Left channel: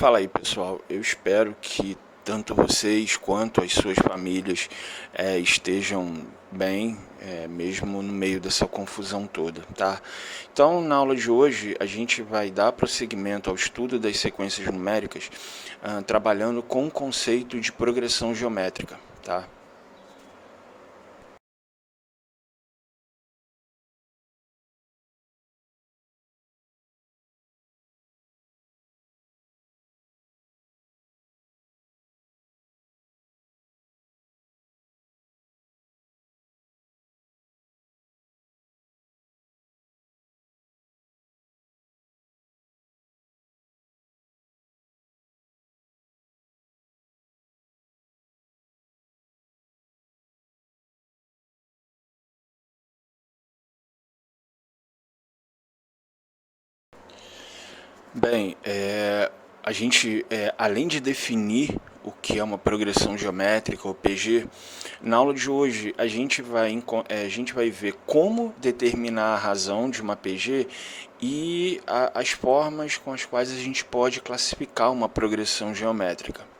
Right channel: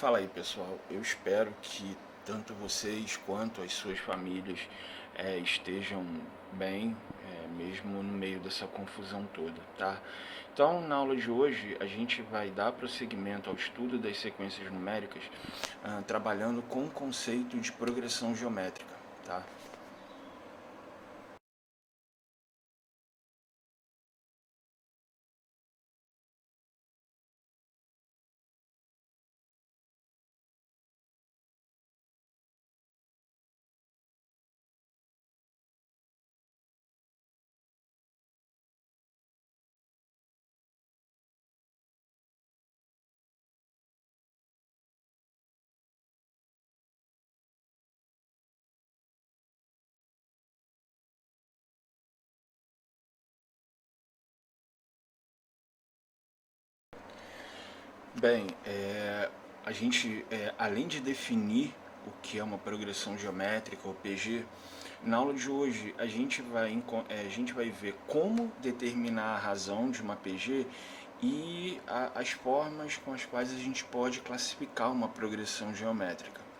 Fala aí, pessoal. Eu espero que tanto vocês quanto as suas famílias estejam bem, mesmo no meio dessa confusão toda, tá? Então, na aula de hoje, a gente vai dar prosseguimento ao estudo das sequências numéricas, trabalhando com o conceito de progressão geométrica, tá? Bem, a gente, além de definir o que é uma progressão geométrica, ou PG, na aula de hoje a gente vai ver como determinar a razão de uma PG e as formas com as quais a gente pode classificar uma progressão geométrica.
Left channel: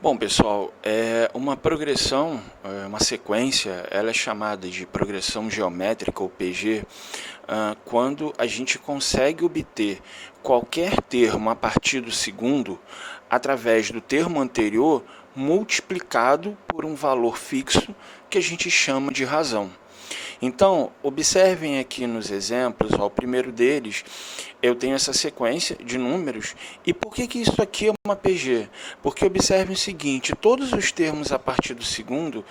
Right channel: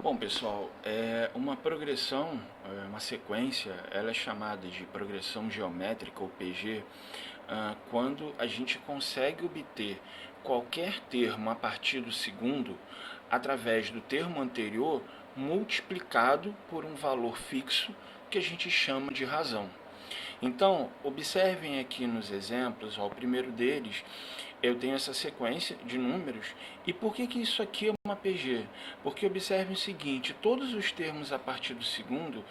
Bom, pessoal, uma progressão, uma sequência, ela é chamada de progressão geométrica ou PG, quando a gente consegue obter qualquer termo a partir do segundo através do termo anterior multiplicado por um valor fixo que a gente chama de razão. Então, observem aqui nos exemplos, ó, o primeiro deles, eu tenho essa sequência de números. E por que isso aqui é uma PG? Porque observem o seguinte, todos os termos a partir do segundo,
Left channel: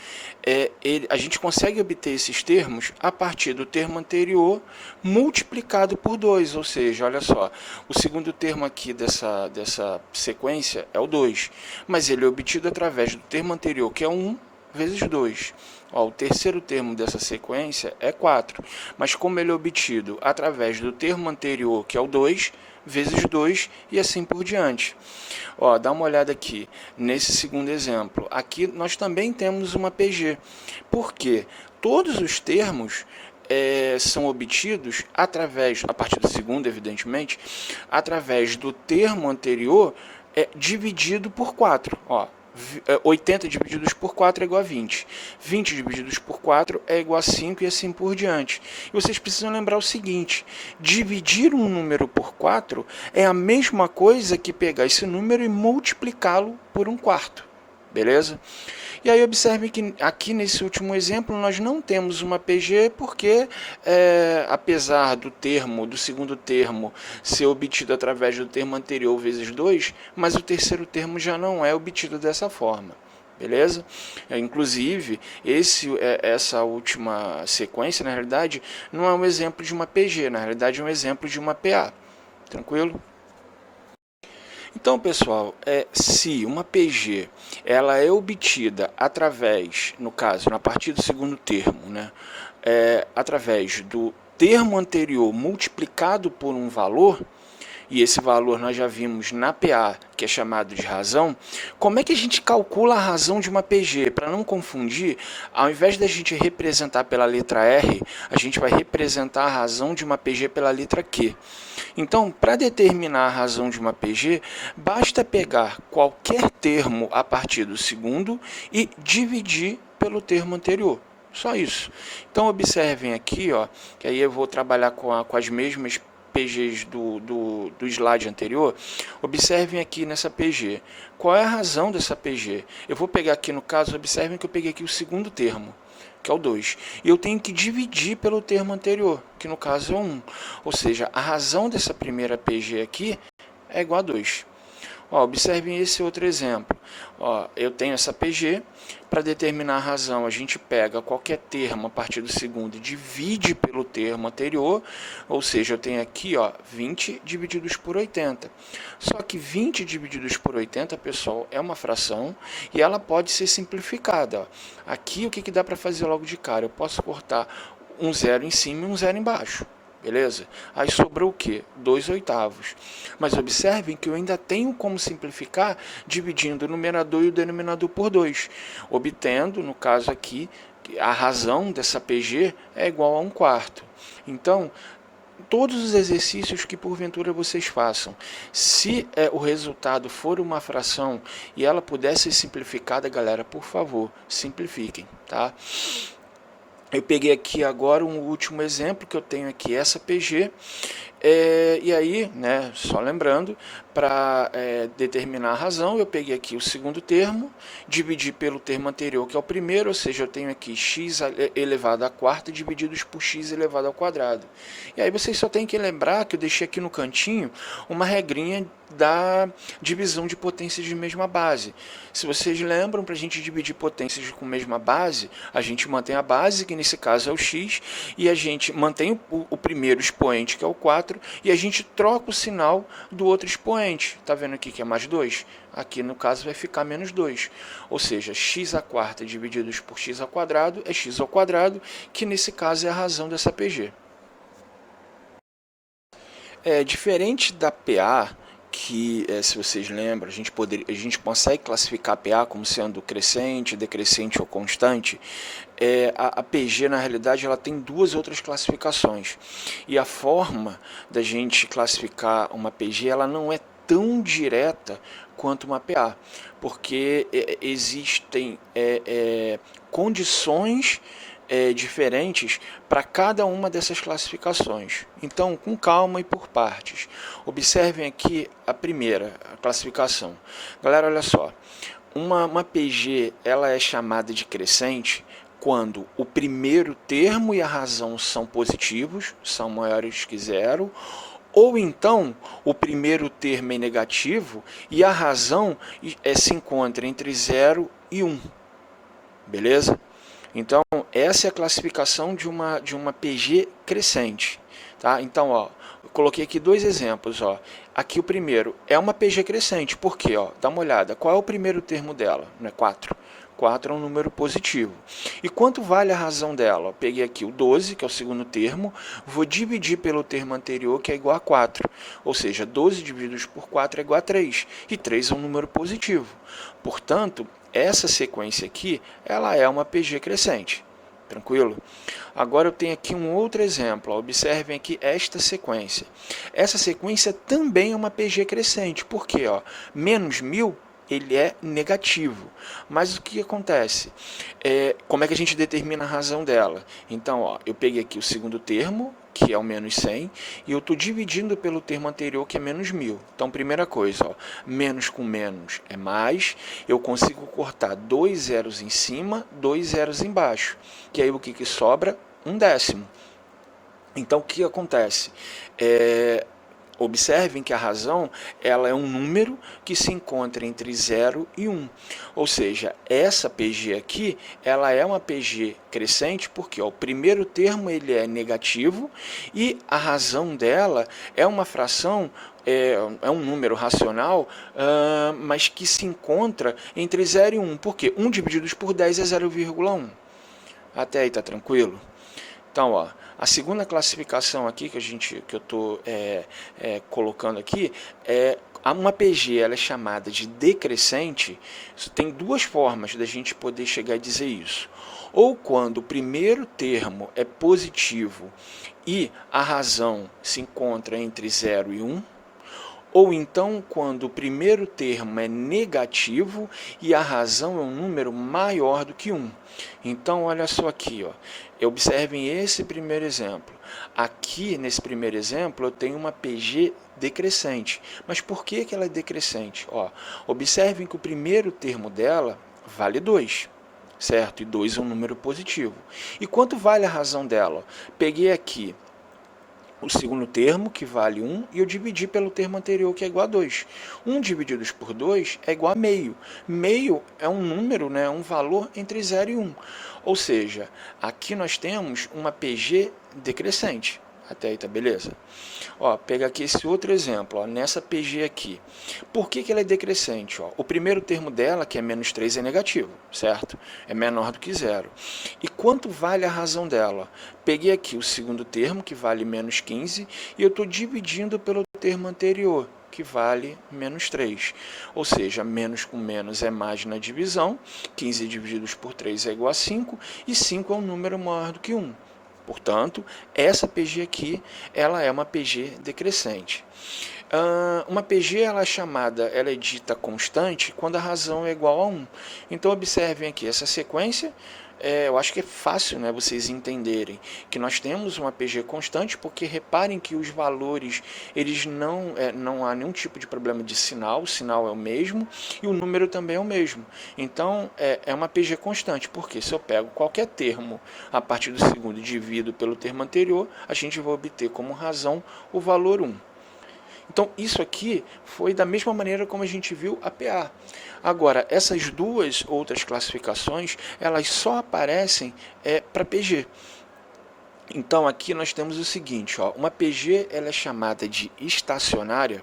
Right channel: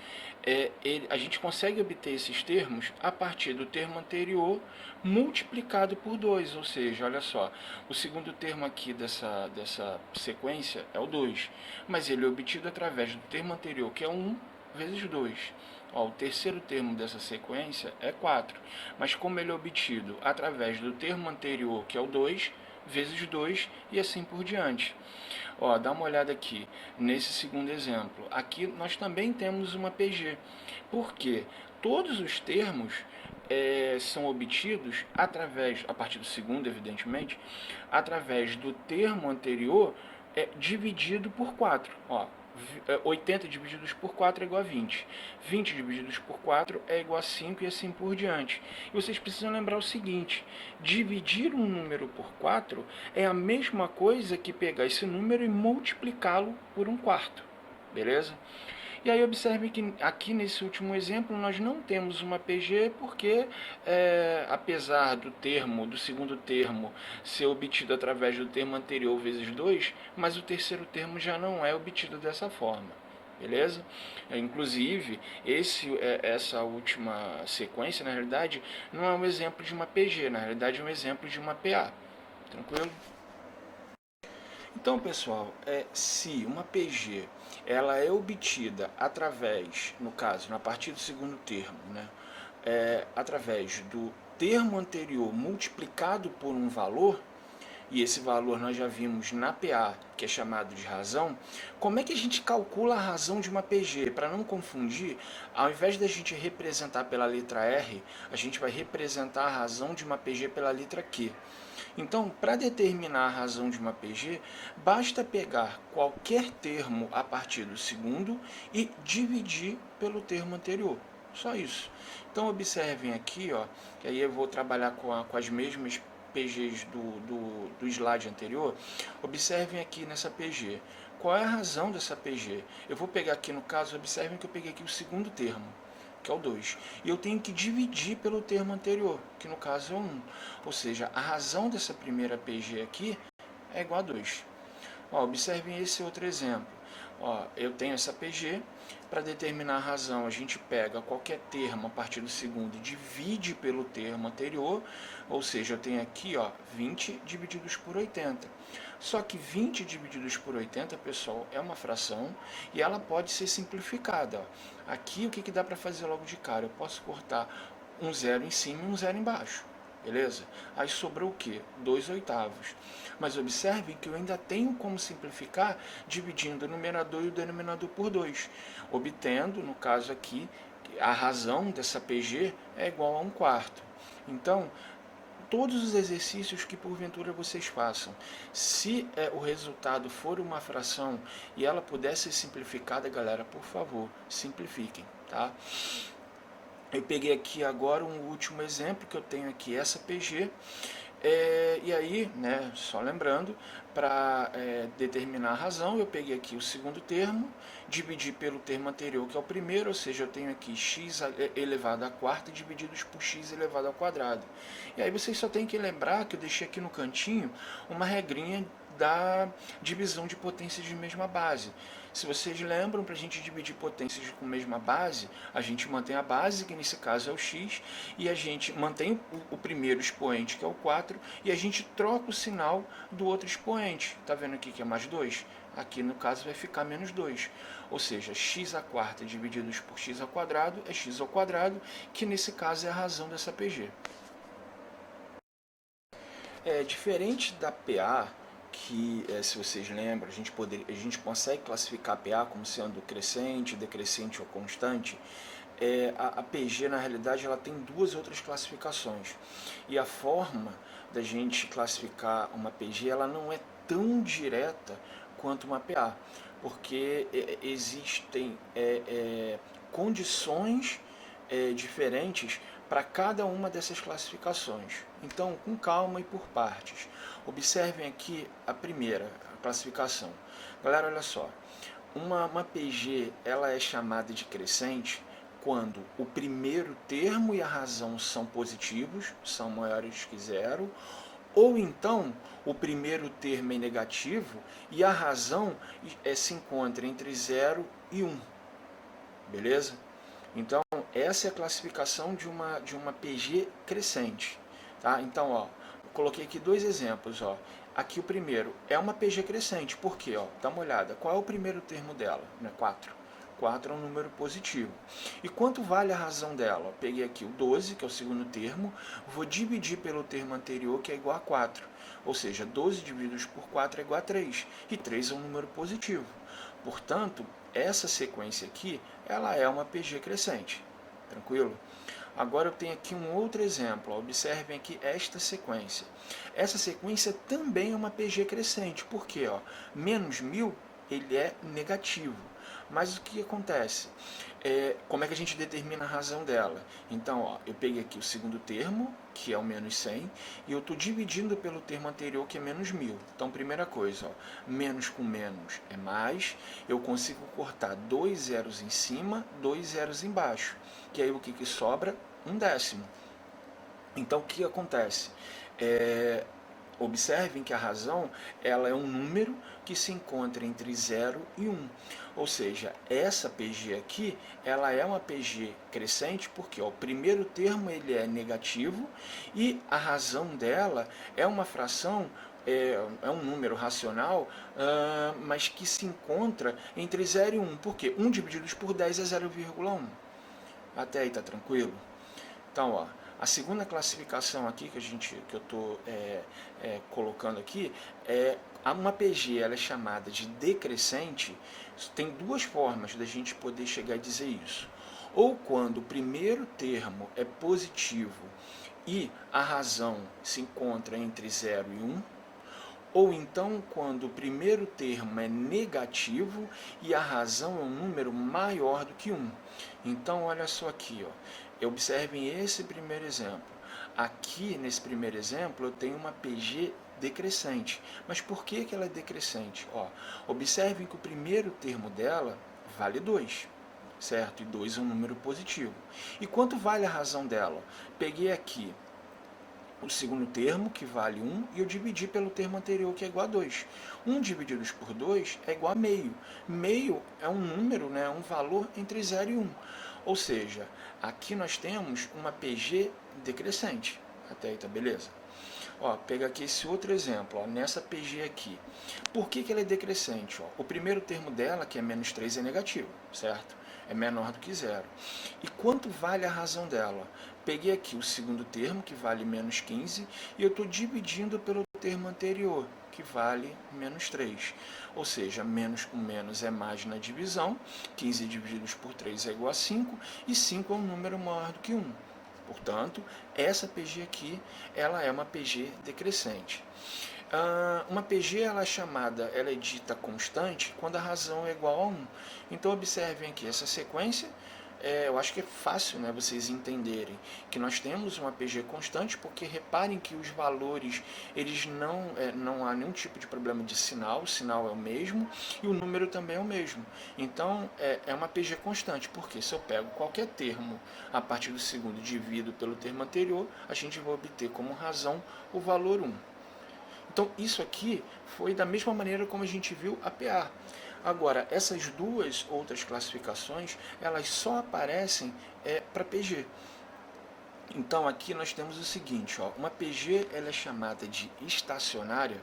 a gente consegue obter esses termos a partir do termo anterior multiplicado por 2, ou seja, olha só, o segundo termo aqui dessa sequência é o 2, mas ele é obtido através do termo anterior, que é 1, vezes 2. Ó, o terceiro termo dessa sequência é 4, mas como ele é obtido através do termo anterior, que é o 2, vezes 2 e assim por diante. Ó, dá uma olhada aqui, nesse segundo exemplo. Aqui nós também temos uma PG, porque todos os termos são obtidos através, a partir do segundo, evidentemente, através do termo anterior dividido por 4. Ó, 80 divididos por 4 é igual a 20. 20 divididos por 4 é igual a 5 e assim por diante. E vocês precisam lembrar o seguinte, dividir um número por 4 é a mesma coisa que pegar esse número e multiplicá-lo por um quarto. Beleza? E aí observe que aqui nesse último exemplo nós não temos uma PG porque apesar do segundo termo ser obtido através do termo anterior vezes 2, mas o terceiro termo já não é obtido dessa forma. Beleza? Inclusive, essa última sequência, na realidade, não é um exemplo de uma PG, na realidade é um exemplo de uma PA. Tranquilo? Então, pessoal, se uma PG ela é obtida através, no caso, na partir do segundo termo, né, através do termo anterior multiplicado por um valor, e esse valor nós já vimos na PA, que é chamado de razão, como é que a gente calcula a razão de uma PG? Para não confundir, ao invés da gente representar pela letra R, a gente vai representar a razão de uma PG pela letra Q. Então, para determinar a razão de uma PG, basta pegar qualquer termo a partir do segundo e dividir pelo termo anterior. Só isso. Então, observem aqui, ó, que aí eu vou trabalhar com as mesmas PGs do slide anterior. Observem aqui nessa PG. Qual é a razão dessa PG? Eu vou pegar aqui no caso, observem que eu peguei aqui o segundo termo, que é o 2. E eu tenho que dividir pelo termo anterior, que no caso é o 1. Ou seja, a razão dessa primeira PG aqui é igual a 2. Ó, observem esse outro exemplo. Ó, eu tenho essa PG, para determinar a razão a gente pega qualquer termo a partir do segundo e divide pelo termo anterior, ou seja, eu tenho aqui ó, 20 divididos por 80. Só que 20 divididos por 80, pessoal, é uma fração e ela pode ser simplificada. Ó. Aqui o que dá para fazer logo de cara? Eu posso cortar um zero em cima e um zero embaixo. Beleza? Aí sobrou o quê? 2/8. Mas observem que eu ainda tenho como simplificar dividindo o numerador e o denominador por 2, obtendo, no caso aqui, a razão dessa PG é igual a 1/4. Então, todos os exercícios que porventura vocês façam, se o resultado for uma fração e ela puder ser simplificada, galera, por favor, simplifiquem, tá? Eu peguei aqui agora um último exemplo que eu tenho aqui, essa PG, e aí, né, só lembrando, para determinar a razão, eu peguei aqui o segundo termo, dividi pelo termo anterior, que é o primeiro, ou seja, eu tenho aqui x elevado à quarta divididos por x elevado ao quadrado. E aí vocês só tem que lembrar que eu deixei aqui no cantinho uma regrinha da divisão de potências de mesma base. Se vocês lembram, para a gente dividir potências com mesma base, a gente mantém a base, que nesse caso é o x, e a gente mantém o primeiro expoente, que é o 4, e a gente troca o sinal do outro expoente. Está vendo aqui que é mais 2? Aqui, no caso, vai ficar menos 2. Ou seja, x à quarta divididos por x ao quadrado é x ao quadrado, que nesse caso é a razão dessa PG. Diferente da PA, que, se vocês lembram, a gente consegue classificar a PA como sendo crescente, decrescente ou constante. A PG, na realidade, ela tem duas outras classificações. E a forma da gente classificar uma PG, ela não é tão direta quanto uma PA, porque existem condições diferentes para cada uma dessas classificações. Então, com calma e por partes. Observem aqui a primeira classificação. Galera, olha só. Uma PG ela é chamada de crescente quando o primeiro termo e a razão são positivos, são maiores que zero, ou então o primeiro termo é negativo e a razão se encontra entre 0 e 1. Beleza? Então, essa é a classificação de uma PG crescente. Tá? Então, ó, eu coloquei aqui dois exemplos. Ó. Aqui o primeiro é uma PG crescente. Por quê? Ó, dá uma olhada. Qual é o primeiro termo dela? 4. 4 é um número positivo. E quanto vale a razão dela? Eu peguei aqui o 12, que é o segundo termo, vou dividir pelo termo anterior, que é igual a 4. Ou seja, 12 divididos por 4 é igual a 3. E 3 é um número positivo. Portanto, essa sequência aqui, ela é uma PG crescente. Tranquilo? Agora eu tenho aqui um outro exemplo. Observem aqui esta sequência. Essa sequência também é uma PG crescente. Por quê? Ó, menos 1000 ele é negativo. Mas o que acontece? Como é que a gente determina a razão dela? Então, ó, eu peguei aqui o segundo termo, que é o menos 100, e eu estou dividindo pelo termo anterior, que é menos 1000. Então, primeira coisa, ó, menos com menos é mais, eu consigo cortar 2 zeros em cima, 2 zeros embaixo, que aí o que sobra? 1/10. Então, o que acontece? Observem que a razão ela é um número que se encontra entre 0 e 1. Ou seja, essa PG aqui ela é uma PG crescente porque ó, o primeiro termo ele é negativo e a razão dela é uma fração, é um número racional, mas que se encontra entre 0 e 1. Por quê? 1 divididos por 10 é 0,1. Até aí está tranquilo? Então, ó, a segunda classificação aqui que eu estou colocando aqui uma PG ela é chamada de decrescente. Tem duas formas da gente poder chegar a dizer isso. Ou quando o primeiro termo é positivo e a razão se encontra entre 0 e 1, ou então quando o primeiro termo é negativo e a razão é um número maior do que 1. Então, olha só aqui, ó. Observem esse primeiro exemplo. Aqui, nesse primeiro exemplo, eu tenho uma PG decrescente. Mas por que ela é decrescente? Ó, observem que o primeiro termo dela vale 2. Certo? E 2 é um número positivo. E quanto vale a razão dela? Peguei aqui o segundo termo, que vale 1, e eu dividi pelo termo anterior, que é igual a 2. 1 divididos por 2 é igual a meio. Meio é um número, né, um valor entre 0 e 1. Ou seja, aqui nós temos uma PG decrescente. Até aí tá beleza? Ó, pega aqui esse outro exemplo, ó, nessa PG aqui. Por que ela é decrescente? Ó? O primeiro termo dela, que é menos 3, é negativo, certo? É menor do que zero. E quanto vale a razão dela? Peguei aqui o segundo termo, que vale menos 15, e eu estou dividindo pelo termo anterior, que vale menos 3. Ou seja, menos com menos é mais na divisão, 15 divididos por 3 é igual a 5, e 5 é um número maior do que 1. Portanto, essa PG aqui, ela é uma PG decrescente. Uma PG ela é chamada, ela é dita constante quando a razão é igual a 1. Então, observem aqui essa sequência. Eu acho que é fácil, né, vocês entenderem que nós temos uma PG constante, porque reparem que os valores, eles não há nenhum tipo de problema de sinal, o sinal é o mesmo e o número também é o mesmo. Então, é uma PG constante, porque se eu pego qualquer termo a partir do segundo e divido pelo termo anterior, a gente vai obter como razão o valor 1. Então, isso aqui foi da mesma maneira como a gente viu a PA. Agora, essas duas outras classificações, elas só aparecem para PG. Então, aqui nós temos o seguinte, ó, uma PG ela é chamada de estacionária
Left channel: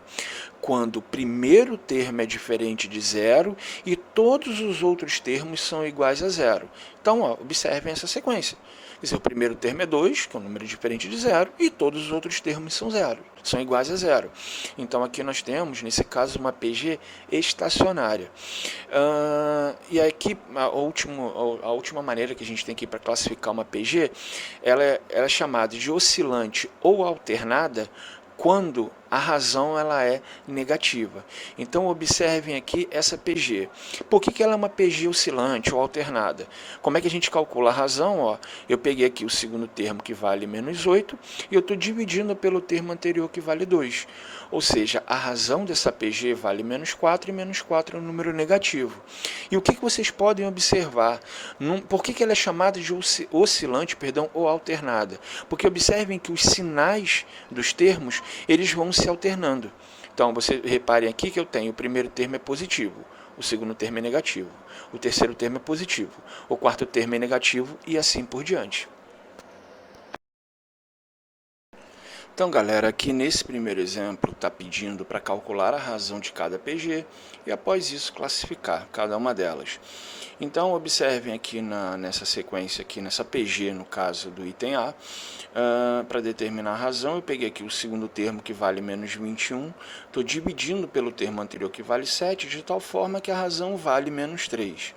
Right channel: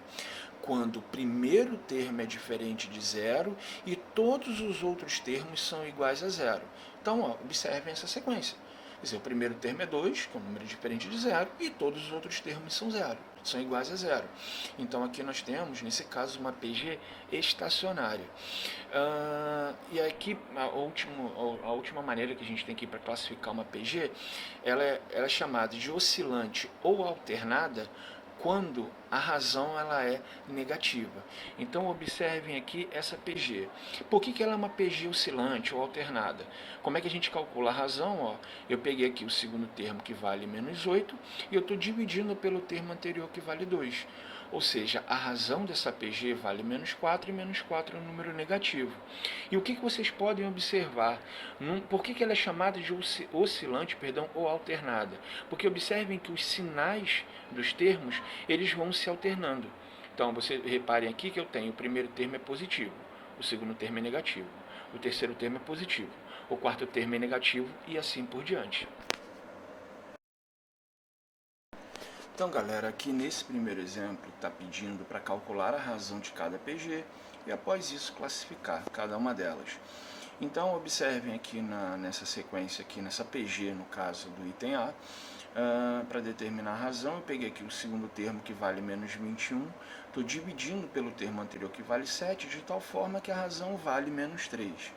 quando o primeiro termo é diferente de zero e todos os outros termos são iguais a zero. Então, ó, observem essa sequência. Quer dizer, o primeiro termo é 2, que é um número diferente de zero, e todos os outros termos são zero, são iguais a zero. Então, aqui nós temos, nesse caso, uma PG estacionária. E aqui, a última maneira que a gente tem aqui para classificar uma PG, ela é chamada de oscilante ou alternada quando a razão ela é negativa. Então, observem aqui essa PG. Por que ela é uma PG oscilante ou alternada? Como é que a gente calcula a razão? Ó, eu peguei aqui o segundo termo, que vale menos 8, e eu estou dividindo pelo termo anterior, que vale 2. Ou seja, a razão dessa PG vale menos 4, e menos 4 é um número negativo. E o que vocês podem observar? Por que ela é chamada de oscilante, ou alternada? Porque observem que os sinais dos termos, eles vão se alternando. Então, vocês reparem aqui que eu tenho o primeiro termo é positivo, o segundo termo é negativo, o terceiro termo é positivo, o quarto termo é negativo e assim por diante. Então, galera, aqui nesse primeiro exemplo está pedindo para calcular a razão de cada PG e após isso classificar cada uma delas. Então, observem aqui nessa sequência, aqui nessa PG, no caso do item A, para determinar a razão, eu peguei aqui o segundo termo, que vale menos 21, estou dividindo pelo termo anterior, que vale 7, de tal forma que a razão vale menos 3.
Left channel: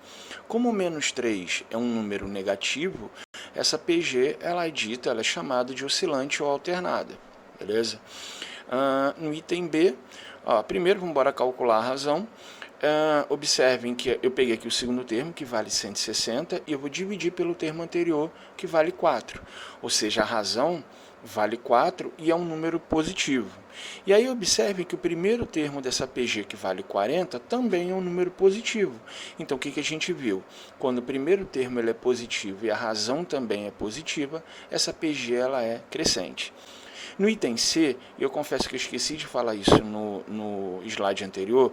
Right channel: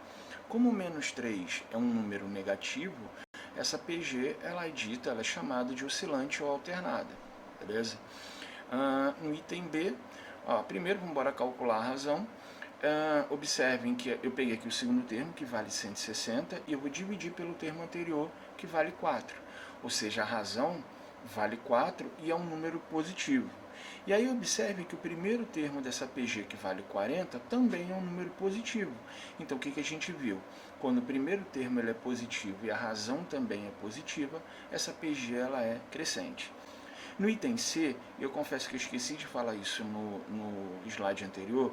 Como menos 3 é um número negativo, essa PG ela é chamada de oscilante ou alternada. Beleza? No item B, primeiro vamos embora calcular a razão. Observem que eu peguei aqui o segundo termo, que vale 160, e eu vou dividir pelo termo anterior, que vale 4. Ou seja, a razão vale 4 e é um número positivo. E aí observem que o primeiro termo dessa PG, que vale 40, também é um número positivo. Então, o que a gente viu? Quando o primeiro termo ele é positivo e a razão também é positiva, essa PG ela é crescente. No item C, eu confesso que eu esqueci de falar isso no slide anterior,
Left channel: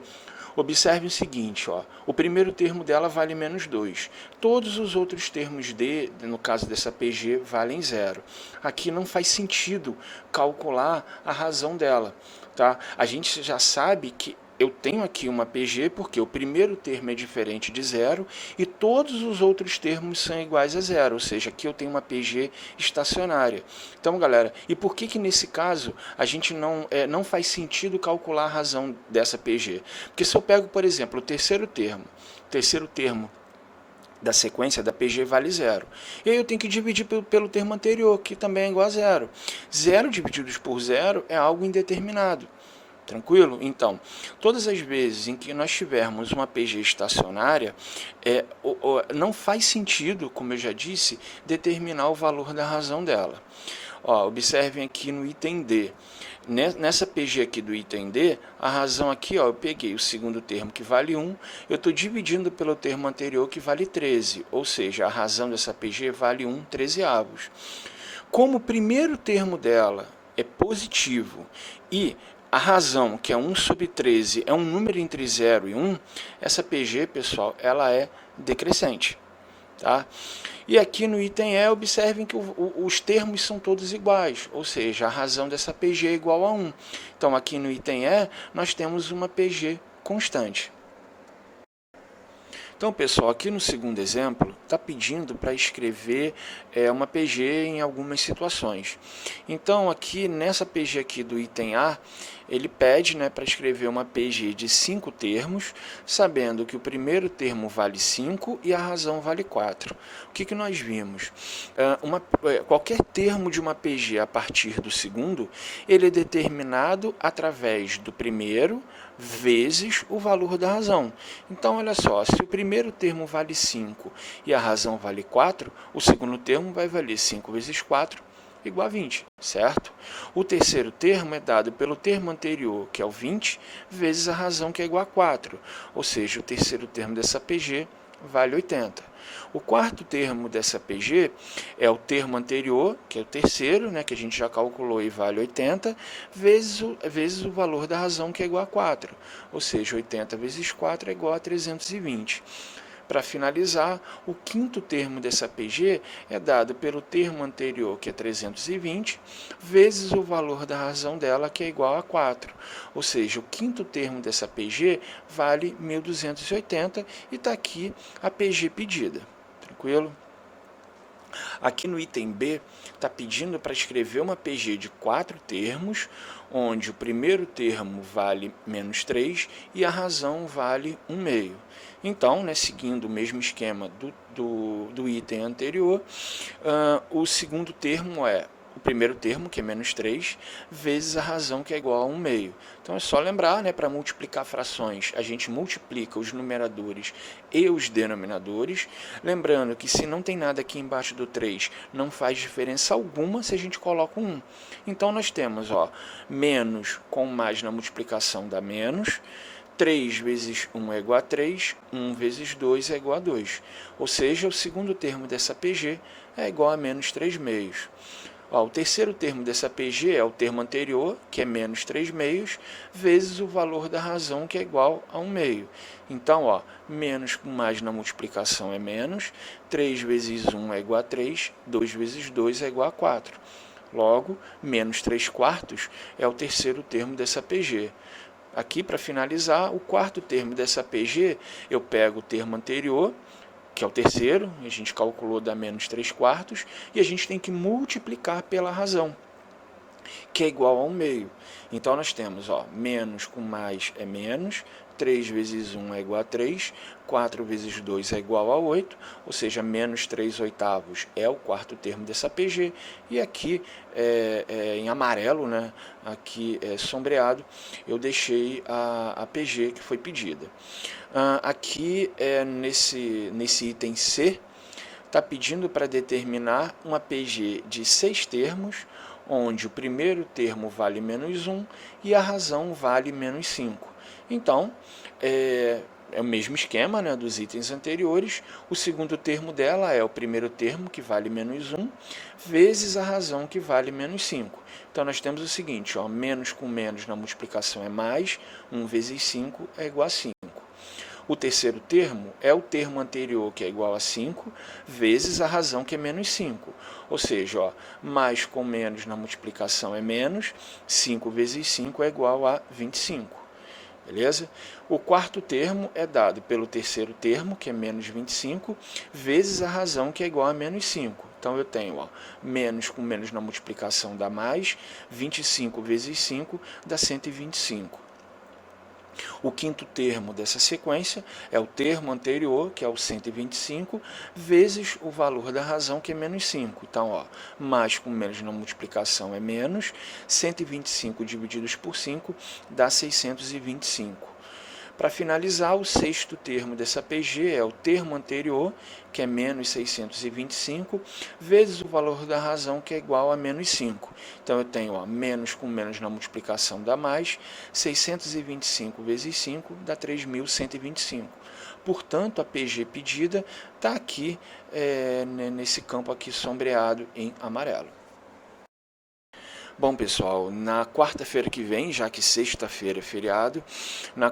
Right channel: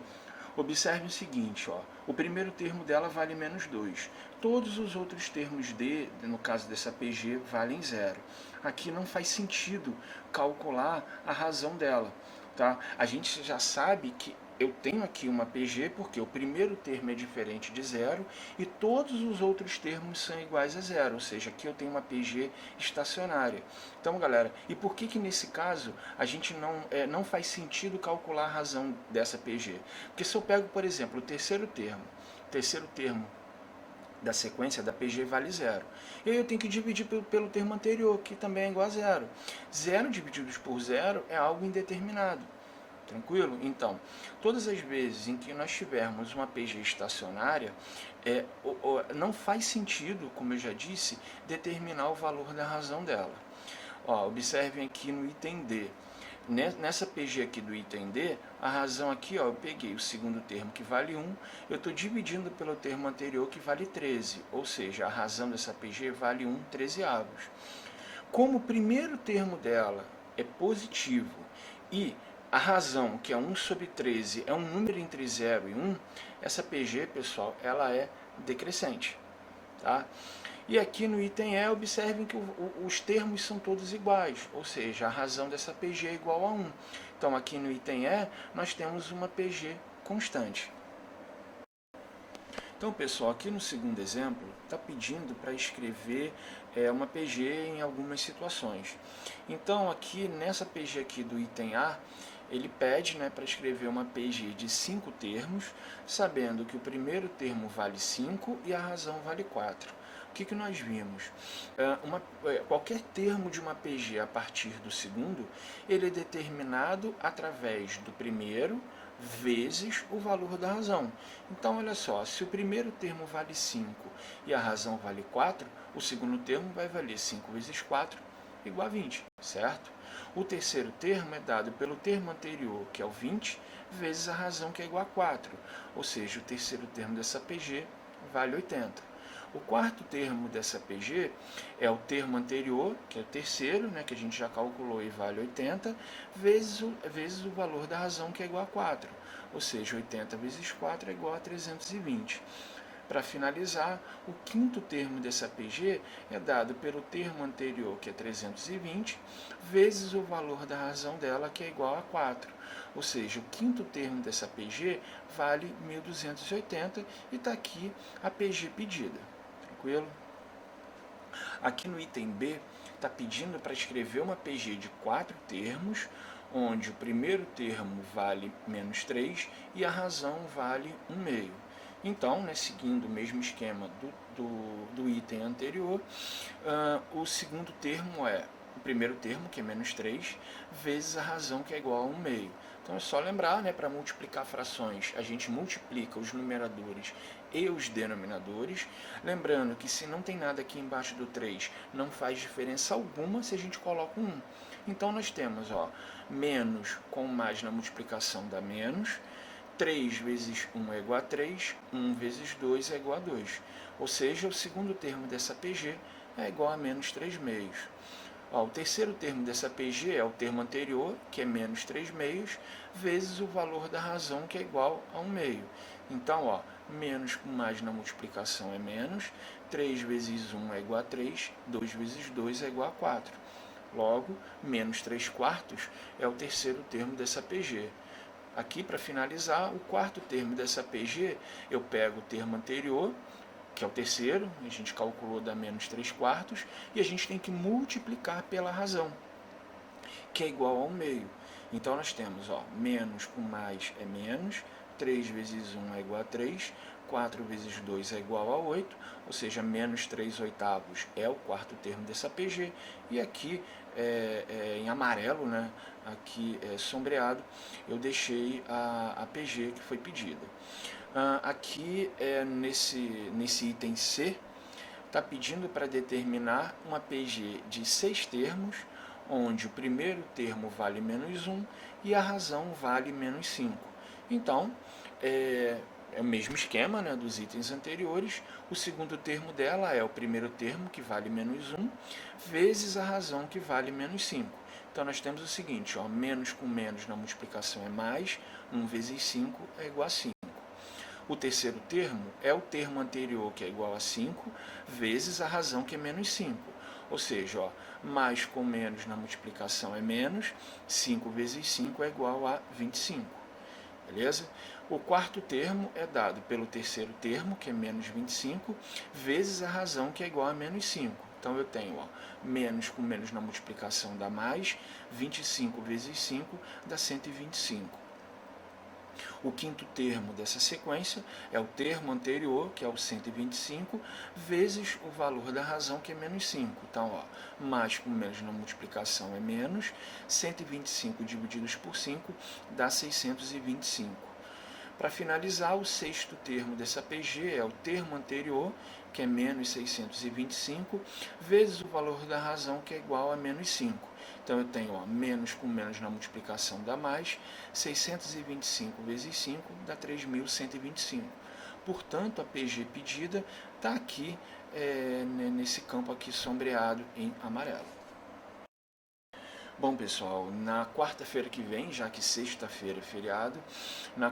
observe o seguinte, ó, o primeiro termo dela vale menos 2. Todos os outros termos no caso dessa PG, valem 0. Aqui não faz sentido calcular a razão dela. Tá? A gente já sabe que eu tenho aqui uma PG porque o primeiro termo é diferente de 0 e todos os outros termos são iguais a 0, ou seja, aqui eu tenho uma PG estacionária. Então, galera, e por que nesse caso a gente não faz sentido calcular a razão dessa PG? Porque se eu pego, por exemplo, o terceiro termo da sequência da PG vale 0. E aí eu tenho que dividir pelo termo anterior, que também é igual a 0. 0 divididos por 0 é algo indeterminado. Tranquilo? Então, todas as vezes em que nós tivermos uma PG estacionária, não faz sentido, como eu já disse, determinar o valor da razão dela. Observem aqui no item D. Nessa PG aqui do item D, a razão aqui, eu peguei o segundo termo que vale 1, eu estou dividindo pelo termo anterior que vale 13, ou seja, a razão dessa PG vale 1 trezeavos. Como o primeiro termo dela é positivo e a razão, que é 1 sobre 13, é um número entre 0 e 1, essa PG, pessoal, ela é decrescente. tá? E aqui no item E, observem que os termos são todos iguais, ou seja, a razão dessa PG é igual a 1. Então, aqui no item E, nós temos uma PG constante. Então, pessoal, aqui no segundo exemplo, está pedindo para escrever uma PG em algumas situações. Então, aqui nessa PG aqui do item A, ele pede, né, para escrever uma PG de 5 termos, sabendo que o primeiro termo vale 5 e a razão vale 4. O que nós vimos? Qualquer termo de uma PG a partir do segundo, ele é determinado através do primeiro vezes o valor da razão. Então, olha só, se o primeiro termo vale 5 e a razão vale 4, o segundo termo vai valer 5 vezes 4 igual a 20, certo? O terceiro termo é dado pelo termo anterior, que é o 20, vezes a razão, que é igual a 4. Ou seja, o terceiro termo dessa PG vale 80. O quarto termo dessa PG é o termo anterior, que é o terceiro, né, que a gente já calculou e vale 80, vezes o valor da razão, que é igual a 4. Ou seja, 80 vezes 4 é igual a 320. Para finalizar, o quinto termo dessa PG é dado pelo termo anterior, que é 320, vezes o valor da razão dela, que é igual a 4. Ou seja, o quinto termo dessa PG vale 1.280 e está aqui a PG pedida. Tranquilo? Aqui no item B, está pedindo para escrever uma PG de 4 termos, onde o primeiro termo vale menos 3 e a razão vale 1 meio. Então, né, seguindo o mesmo esquema do item anterior, o segundo termo é o primeiro termo, que é menos 3, vezes a razão, que é igual a 1 meio. Então, é só lembrar, né, para multiplicar frações, a gente multiplica os numeradores e os denominadores. Lembrando que se não tem nada aqui embaixo do 3, não faz diferença alguma se a gente coloca um 1. Então, nós temos menos com mais na multiplicação dá menos, 3 vezes 1 é igual a 3, 1 vezes 2 é igual a 2. Ou seja, o segundo termo dessa PG é igual a menos 3 meios. O terceiro termo dessa PG é o termo anterior, que é menos 3 meios, vezes o valor da razão, que é igual a 1 meio. Então, menos com mais na multiplicação é menos, 3 vezes 1 é igual a 3, 2 vezes 2 é igual a 4. Logo, menos 3 quartos é o terceiro termo dessa PG. Aqui, para finalizar, o quarto termo dessa PG, eu pego o termo anterior, que é o terceiro, a gente calculou dar menos 3 quartos, e a gente tem que multiplicar pela razão, que é igual a 1 meio. Então, nós temos, menos com mais é menos, 3 vezes 1 é igual a 3, 4 vezes 2 é igual a 8, ou seja, menos 3 oitavos é o quarto termo dessa PG, e aqui, em amarelo, né, aqui sombreado, eu deixei a PG que foi pedida. Aqui, nesse item C, está pedindo para determinar uma PG de 6 termos, onde o primeiro termo vale menos 1 e a razão vale menos 5. Então, é o mesmo esquema, né, dos itens anteriores. O segundo termo dela é o primeiro termo, que vale menos 1, vezes a razão, que vale menos 5. Então, nós temos o seguinte, menos com menos na multiplicação é mais, 1 vezes 5 é igual a 5. O terceiro termo é o termo anterior, que é igual a 5, vezes a razão, que é menos 5. Ou seja, mais com menos na multiplicação é menos, 5 vezes 5 é igual a 25. Beleza? O quarto termo é dado pelo terceiro termo, que é menos 25, vezes a razão, que é igual a menos 5. Então, eu tenho menos com menos na multiplicação dá mais, 25 vezes 5 dá 125. O quinto termo dessa sequência é o termo anterior, que é o 125, vezes o valor da razão, que é menos 5. Então, mais com menos na multiplicação é menos, 125 divididos por 5 dá 625. Para finalizar, o sexto termo dessa PG é o termo anterior, que é menos 625, vezes o valor da razão, que é igual a menos 5. Então, eu tenho menos com menos na multiplicação dá mais, 625 vezes 5 dá 3.125. Portanto, a PG pedida está aqui, nesse campo aqui sombreado em amarelo. Bom, pessoal, na quarta-feira que vem, já que sexta-feira é feriado, na